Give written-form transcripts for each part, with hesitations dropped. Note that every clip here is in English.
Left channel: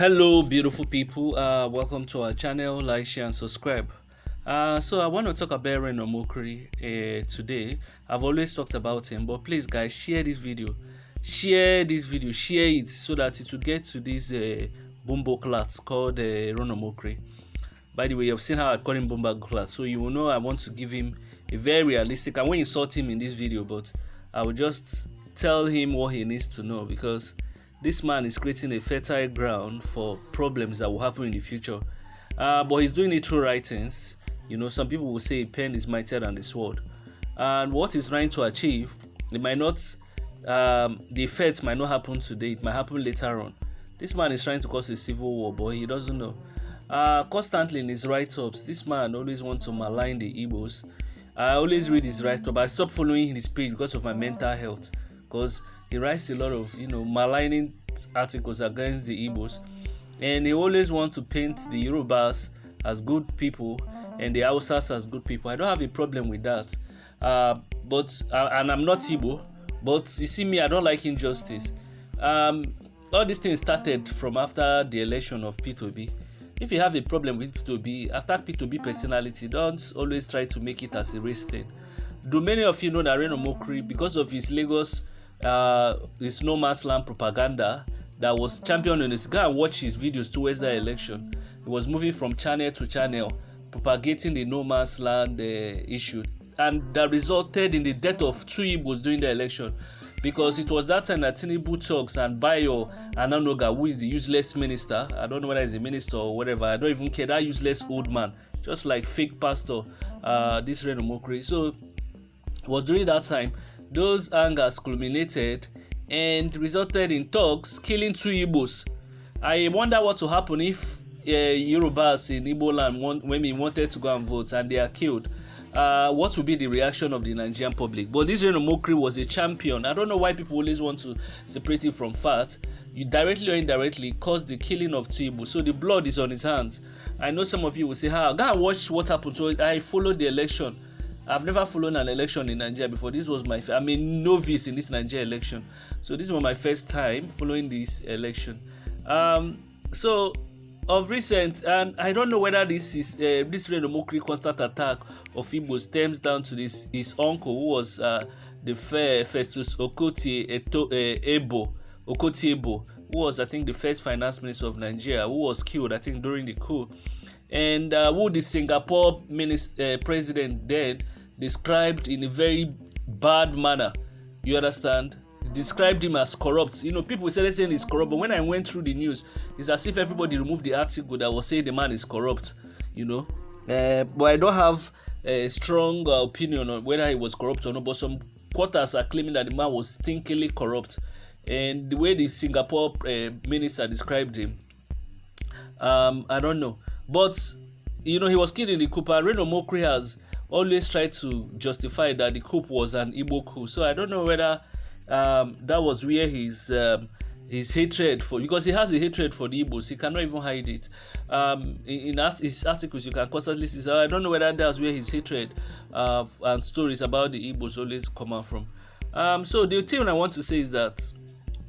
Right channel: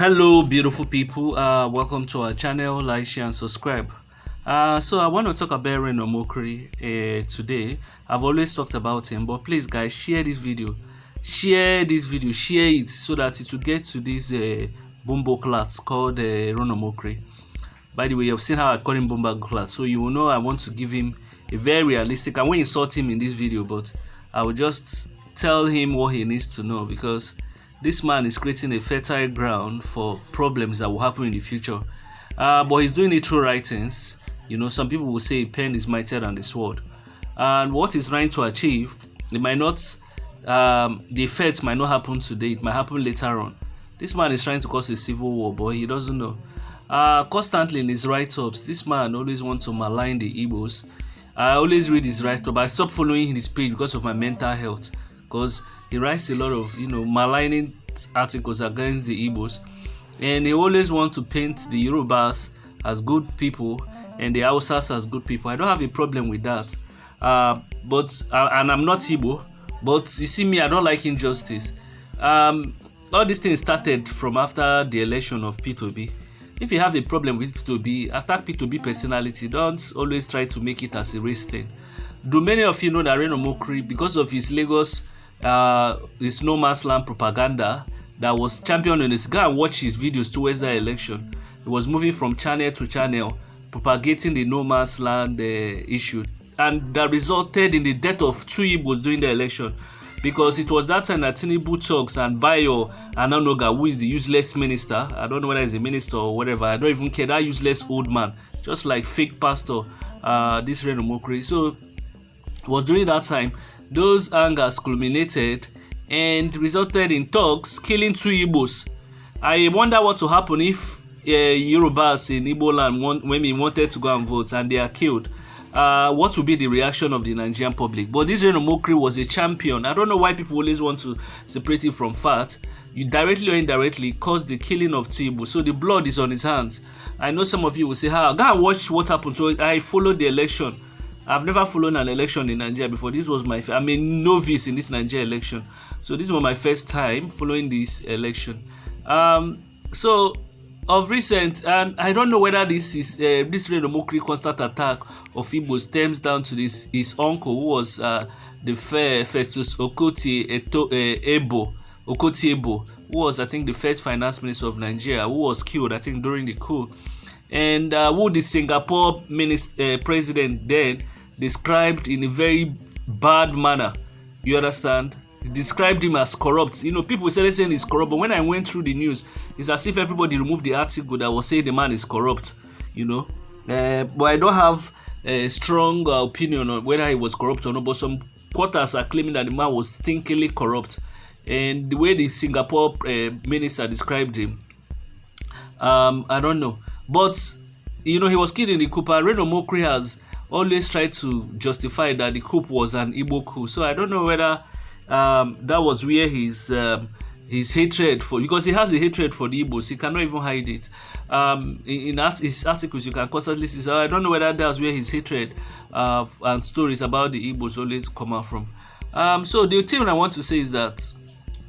Hello, beautiful people. Welcome to our channel. Like, share, and subscribe. So I want to talk about Reno Omokri today. I've always talked about him, but please, guys, share this video. Share this video. Share it so that it will get to this Bumbo class called Reno Omokri. By the way, you've seen how I call him Bumbo class, so you will know I want to give him a very realistic. I won't insult him in this video, but I will just tell him what he needs to know because this man is creating a fertile ground for problems that will happen in the future. But he's doing it through writings. You know, some people will say a pen is mightier than the sword. And what he's trying to achieve, it might not, the effects might not happen today, it might happen later on. This man is trying to cause a civil war, but he doesn't know. Constantly in his write-ups, this man always wants to malign the Igbos. I always read his write-up. I stopped following his page because of my mental health. Because he writes a lot of, maligning articles against the Igbos. And he always wants to paint the Yorubas as good people and the Hausas as good people. I don't have a problem with that. And I'm not Igbo. But you see me, I don't like injustice. All these things started from after the election of P2B. If you have a problem with P2B, attack P2B personality. Don't always try to make it as a race thing. Do many of you know that Reno Omokri, because of his Lagos, his no man's land propaganda that was championed in his, go and watch his videos towards that election. He was moving from channel to channel, propagating the no man's land issue, and that resulted in the death of two Igbos during the election. Because it was that time that Tinubu talks and Bayo Ananoga, who is the useless minister, I don't know whether he's a minister or whatever, I don't even care, that useless old man, just like fake pastor, this Reno Omokri. So it was during that time those angers culminated and resulted in thugs killing two Igbos. I wonder what will happen if Yorubas in Igbo land when we wanted to go and vote and they are killed. What will be the reaction of the Nigerian public? But this Reno Omokri was a champion. I don't know why people always want to separate it from fact. You directly or indirectly caused the killing of two Igbos, so the blood is on his hands. I know some of you will say, go and watch what happened to it. I followed the election. I've never followed an election in Nigeria before. This was I'm a novice in this Nigeria election. So this was my first time following this election. So of recent, and I don't know whether this is this Reno Omokri constant attack of Igbo stems down to this his uncle who was the Festus Ebo, who was I think the first finance minister of Nigeria, who was killed I think during the coup, and who the Singapore president then described in a very bad manner. You understand? He described him as corrupt. You know, people started saying he's corrupt, but when I went through the news, it's as if everybody removed the article that was saying the man is corrupt. You know, but I don't have a strong opinion on whether he was corrupt or not. But some quarters are claiming that the man was stinkingly corrupt, and the way the Singapore minister described him, I don't know. But you know, he was killed in the coup. And Reno Omokri has always tried to justify that the coup was an Igbo coup. So I don't know whether that was where his hatred for, because he has a hatred for the Igbos, he cannot even hide it. In his articles, you can constantly see. So I don't know whether that's where his hatred and stories about the Igbos always come out from. So the thing I want to say is that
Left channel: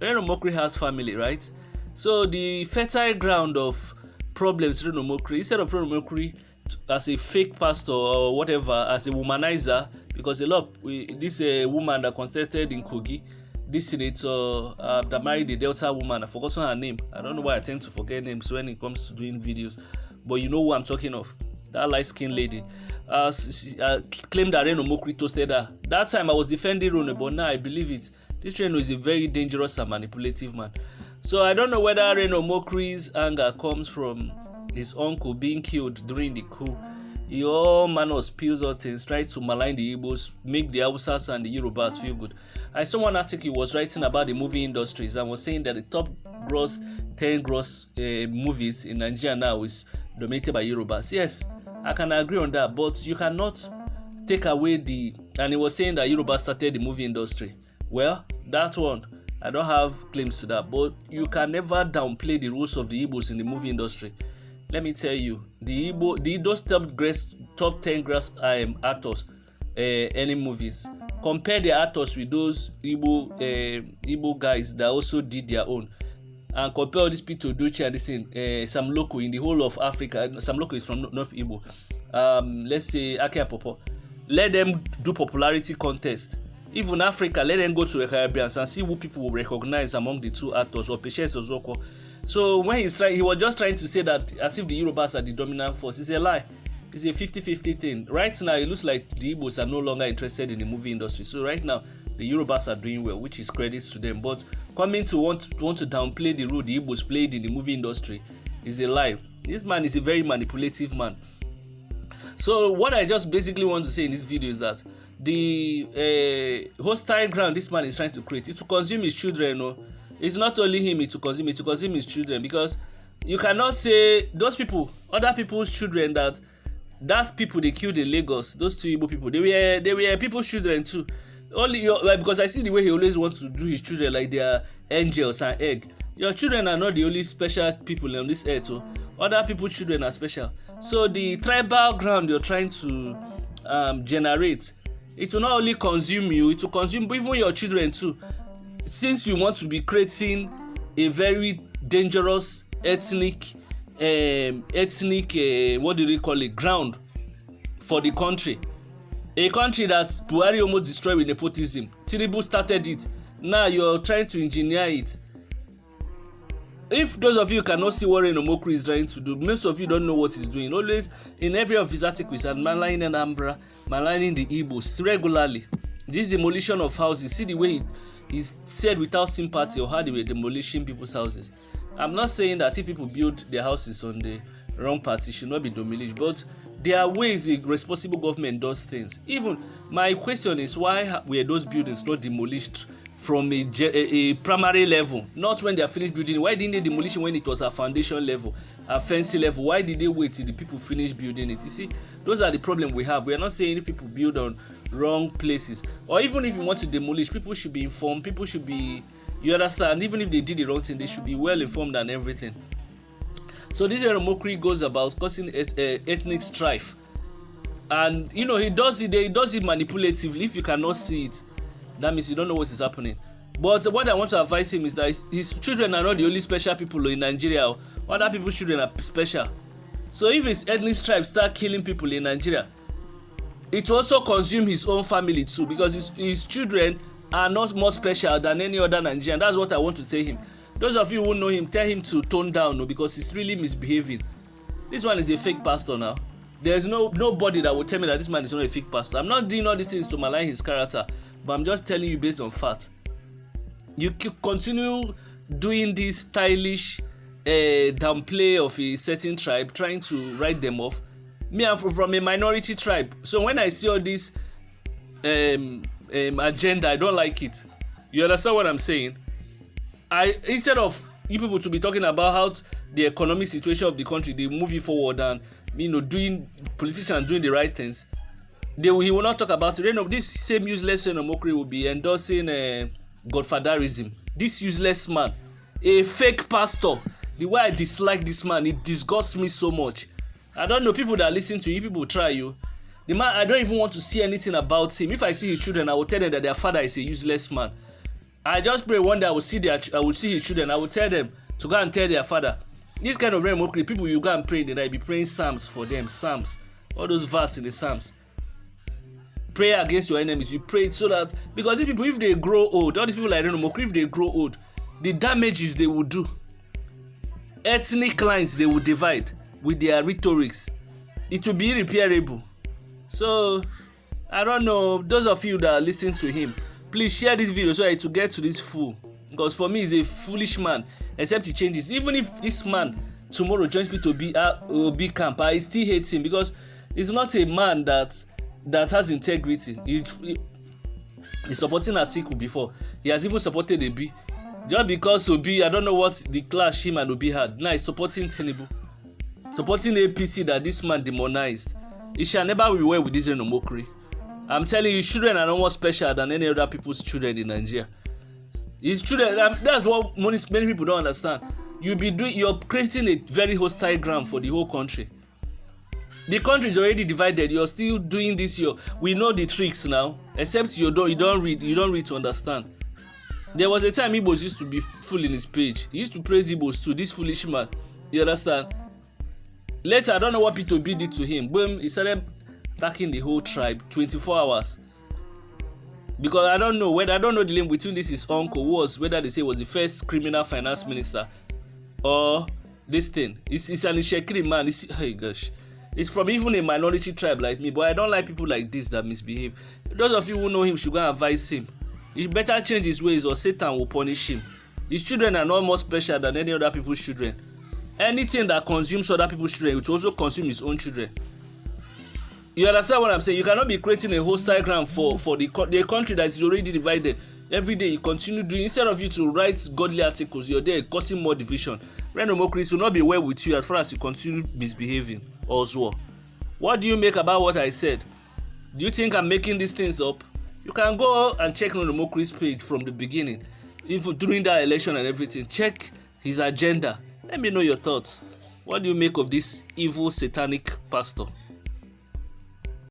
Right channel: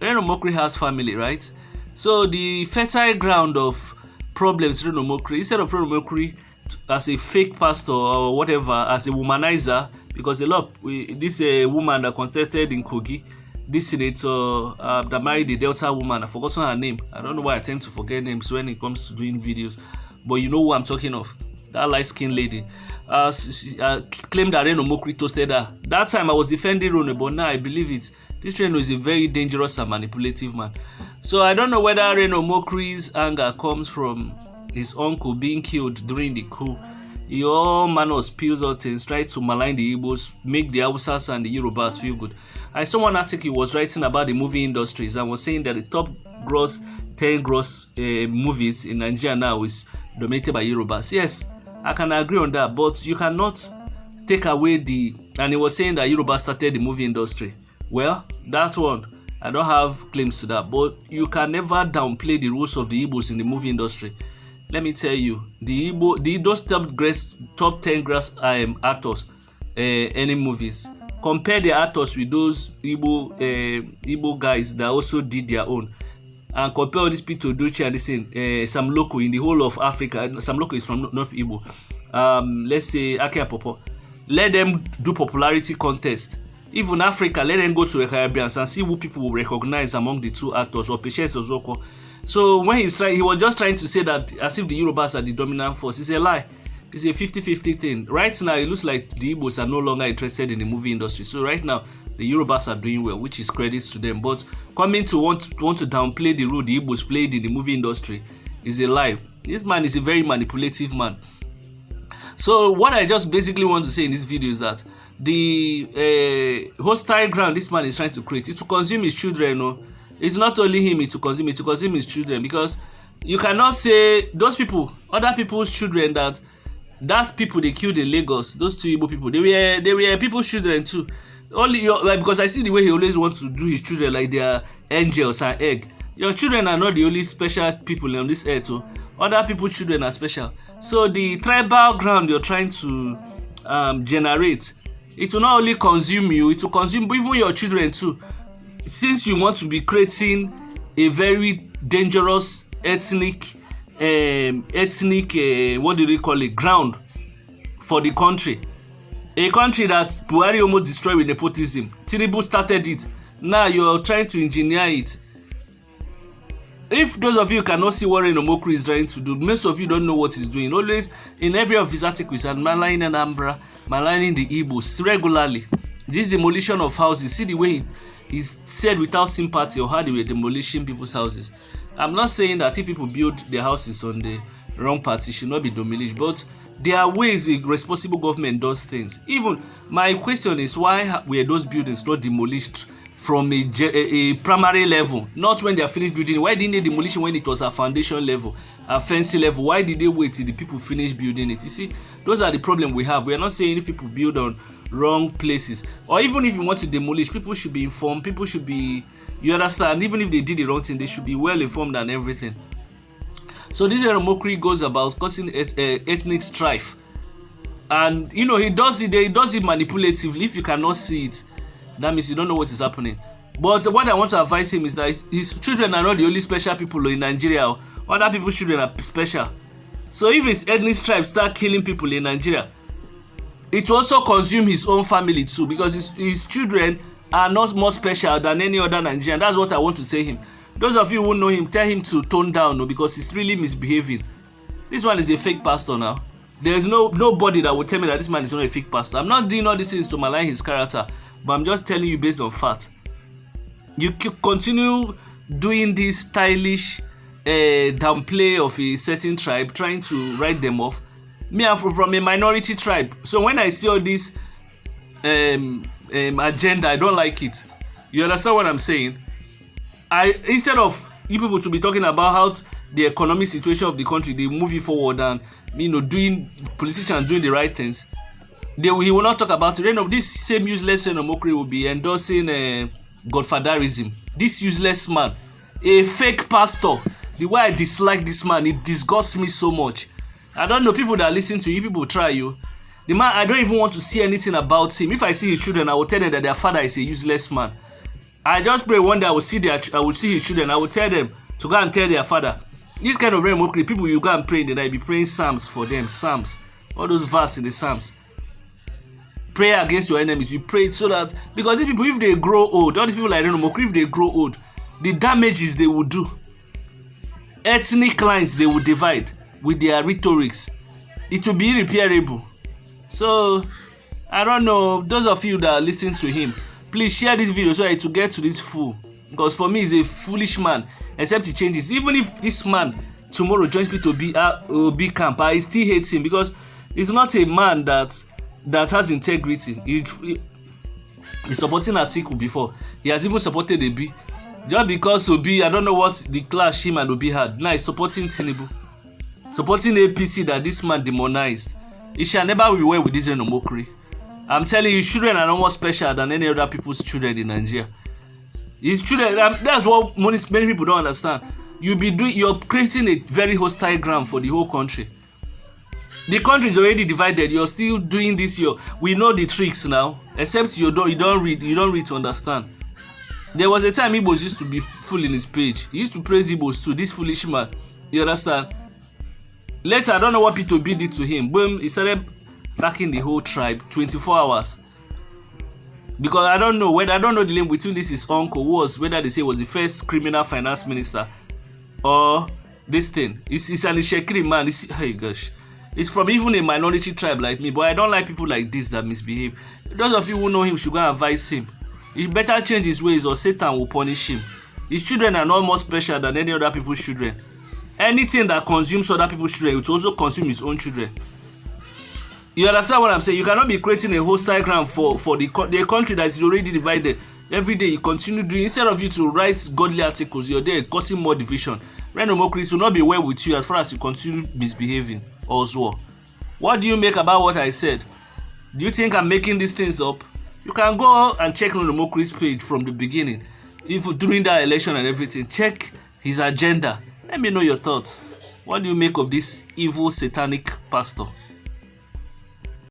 Reno Omokri has family, right? So the fertile ground of problems Reno Omokri, instead of Reno Omokri as a fake pastor or whatever, as a womanizer, because a lot of this woman that contested in Kogi, this senator that married the Delta woman, I've forgotten her name. I don't know why I tend to forget names when it comes to doing videos, but you know who I'm talking of. That light-skinned lady claimed that Reno Omokri toasted her. That time I was defending Reno, but now I believe it. This Reno is a very dangerous and manipulative man. So I don't know whether Reno Omokri's anger comes from his uncle being killed during the coup. He all manner of spills out things, try to malign the Igbos, make the Hausas and the Yorubas feel good. I saw one article he was writing about the movie industries and was saying that the top 10 gross movies in Nigeria now is dominated by Yorubas. Yes, I can agree on that, but you cannot take away and he was saying that Yoruba started the movie industry. Well, that one, I don't have claims to that, but you can never downplay the roles of the Igbos in the movie industry. Let me tell you, those top 10 grass actors, any movies, compare the actors with those Igbo guys that also did their own. and compare all these people to Doche and this thing, Sam Loko in the whole of Africa. Sam Loko is from North Igbo. Let's say Ake Popo. Let them do popularity contest. Even Africa, let them go to the Caribbean and see who people will recognize among the two actors or Patience Ozoko. So when he was just trying to say that as if the Yorubas are the dominant force. It's a lie. It's a 50-50 thing. Right now, it looks like the Igbos are no longer interested in the movie industry. So right now, the Yorubas are doing well, which is credits to them. But coming to want to downplay the role the Igbos played in the movie industry is a lie. This man is a very manipulative man. So what I just basically want to say in this video is that the hostile ground this man is trying to create, it to consume his children. No, it's not only him, it to consume his children, because you cannot say those people, other people's children, that people they killed in Lagos, those two Igbo people, they were people's children too. Only because I see the way he always wants to do his children like they are angels and egg. Your children are not the only special people on this earth. So other people's children are special. So the tribal ground you're trying to generate, it will not only consume you, it will consume even your children too. Since you want to be creating a very dangerous ethnic what do they call it, ground for the country, a country that Buhari almost destroyed with nepotism. Tinubu started it. Now you're trying to engineer it. If those of you cannot see what Reno Omokri is trying to do, most of you don't know what he's doing. Always in every of his articles, and maligning Anambra, maligning the Igbos regularly. This demolition of houses, see the way he said without sympathy or how they were demolishing people's houses. I'm not saying that if people build their houses on the wrong part, it should not be demolished, but there are ways a responsible government does things. Even my question is, why were those buildings not demolished from a primary level? Not when they are finished building. Why didn't they demolish when it was a foundation level, a fencing level? Why did they wait till the people finish building it? You see, those are the problem we have. We are not saying if people build on wrong places, or even if you want to demolish, people should be informed. People should be, you understand, even if they did the wrong thing, they should be well informed and everything. So this Reno Omokri goes about causing ethnic strife, and you know he does it manipulatively. If you cannot see it, that means you don't know what is happening. But what I want to advise him is that his children are not the only special people in Nigeria. Other people's children are special. So if his ethnic strife start killing people in Nigeria, it will also consume his own family too, because his children are not more special than any other Nigerian. That's what I want to say him. Those of you who know him, tell him to tone down, no, because he's really misbehaving. This one is a fake pastor now. There's nobody that will tell me that this man is not a fake pastor. I'm not doing all these things to malign his character, but I'm just telling you based on fact. You continue doing this stylish downplay of a certain tribe, trying to write them off. Me, I'm from a minority tribe, so when I see all this agenda, I don't like it. You understand what I'm saying? Instead of you people to be talking about how the economic situation of the country, they move it forward, and politicians doing the right things, he will not talk about it. This same useless Reno Omokri will be endorsing godfatherism. This useless man, a fake pastor. The way I dislike this man, it disgusts me so much. I don't know, people that listen to you, people try you. The man, I don't even want to see anything about him. If I see his children, I will tell them that their father is a useless man. I just pray one day I will see his children. I will tell them to go and tell their father. This kind of Reno Omokri, people, you go and pray in the night, be praying psalms for them, psalms, all those verses in the psalms. Pray against your enemies. You pray so that, because these people, if they grow old, all these people like Reno Omokri, if they grow old, the damages they will do, ethnic lines they will divide with their rhetorics, it will be irreparable. So I don't know, those of you that are listening to him, please share this video so that it will get to this fool, because for me he's a foolish man, except he changes. Even if this man tomorrow joins me to be camp, I still hate him, because he's not a man that has integrity. He's supporting Atiku before. He has even supported Obi. Just because Obi, I don't know what the clash him and Obi had. Now he's supporting Tinubu, supporting APC that this man demonized. It shall never be well with this Reno Omokri. I'm telling you, children are no more special than any other people's children in Nigeria. His children, that's what many people don't understand. You're creating a very hostile ground for the whole country. The country is already divided. You're still doing this. We know the tricks now, except you don't read to understand. There was a time Igbos used to be full in his page. He used to praise Igbos too, this foolish man. You understand? Later, I don't know what P2B did to him. Boom, he started attacking the whole tribe 24 hours. Because I don't know the link between this his uncle whether they say was the first criminal finance minister or this thing. It's an Ishekiri man. Hey gosh. It's from even a minority tribe like me, but I don't like people like this that misbehave. Those of you who know him should go and advise him. He better change his ways or Satan will punish him. His children are not more special than any other people's children. Anything that consumes other people's children, it will also consume his own children. You understand what I'm saying? You cannot be creating a hostile ground for the country that is already divided. Every day you continue doing, instead of you to write godly articles, you're there causing more division. Reno Omokri will not be well with you as far as you continue misbehaving also. What do you make about what I said? Do you think I'm making these things up? You can go and check Reno Omokri's page from the beginning, even during that election and everything. Check his agenda. Let me know your thoughts. What do you make of this evil satanic pastor?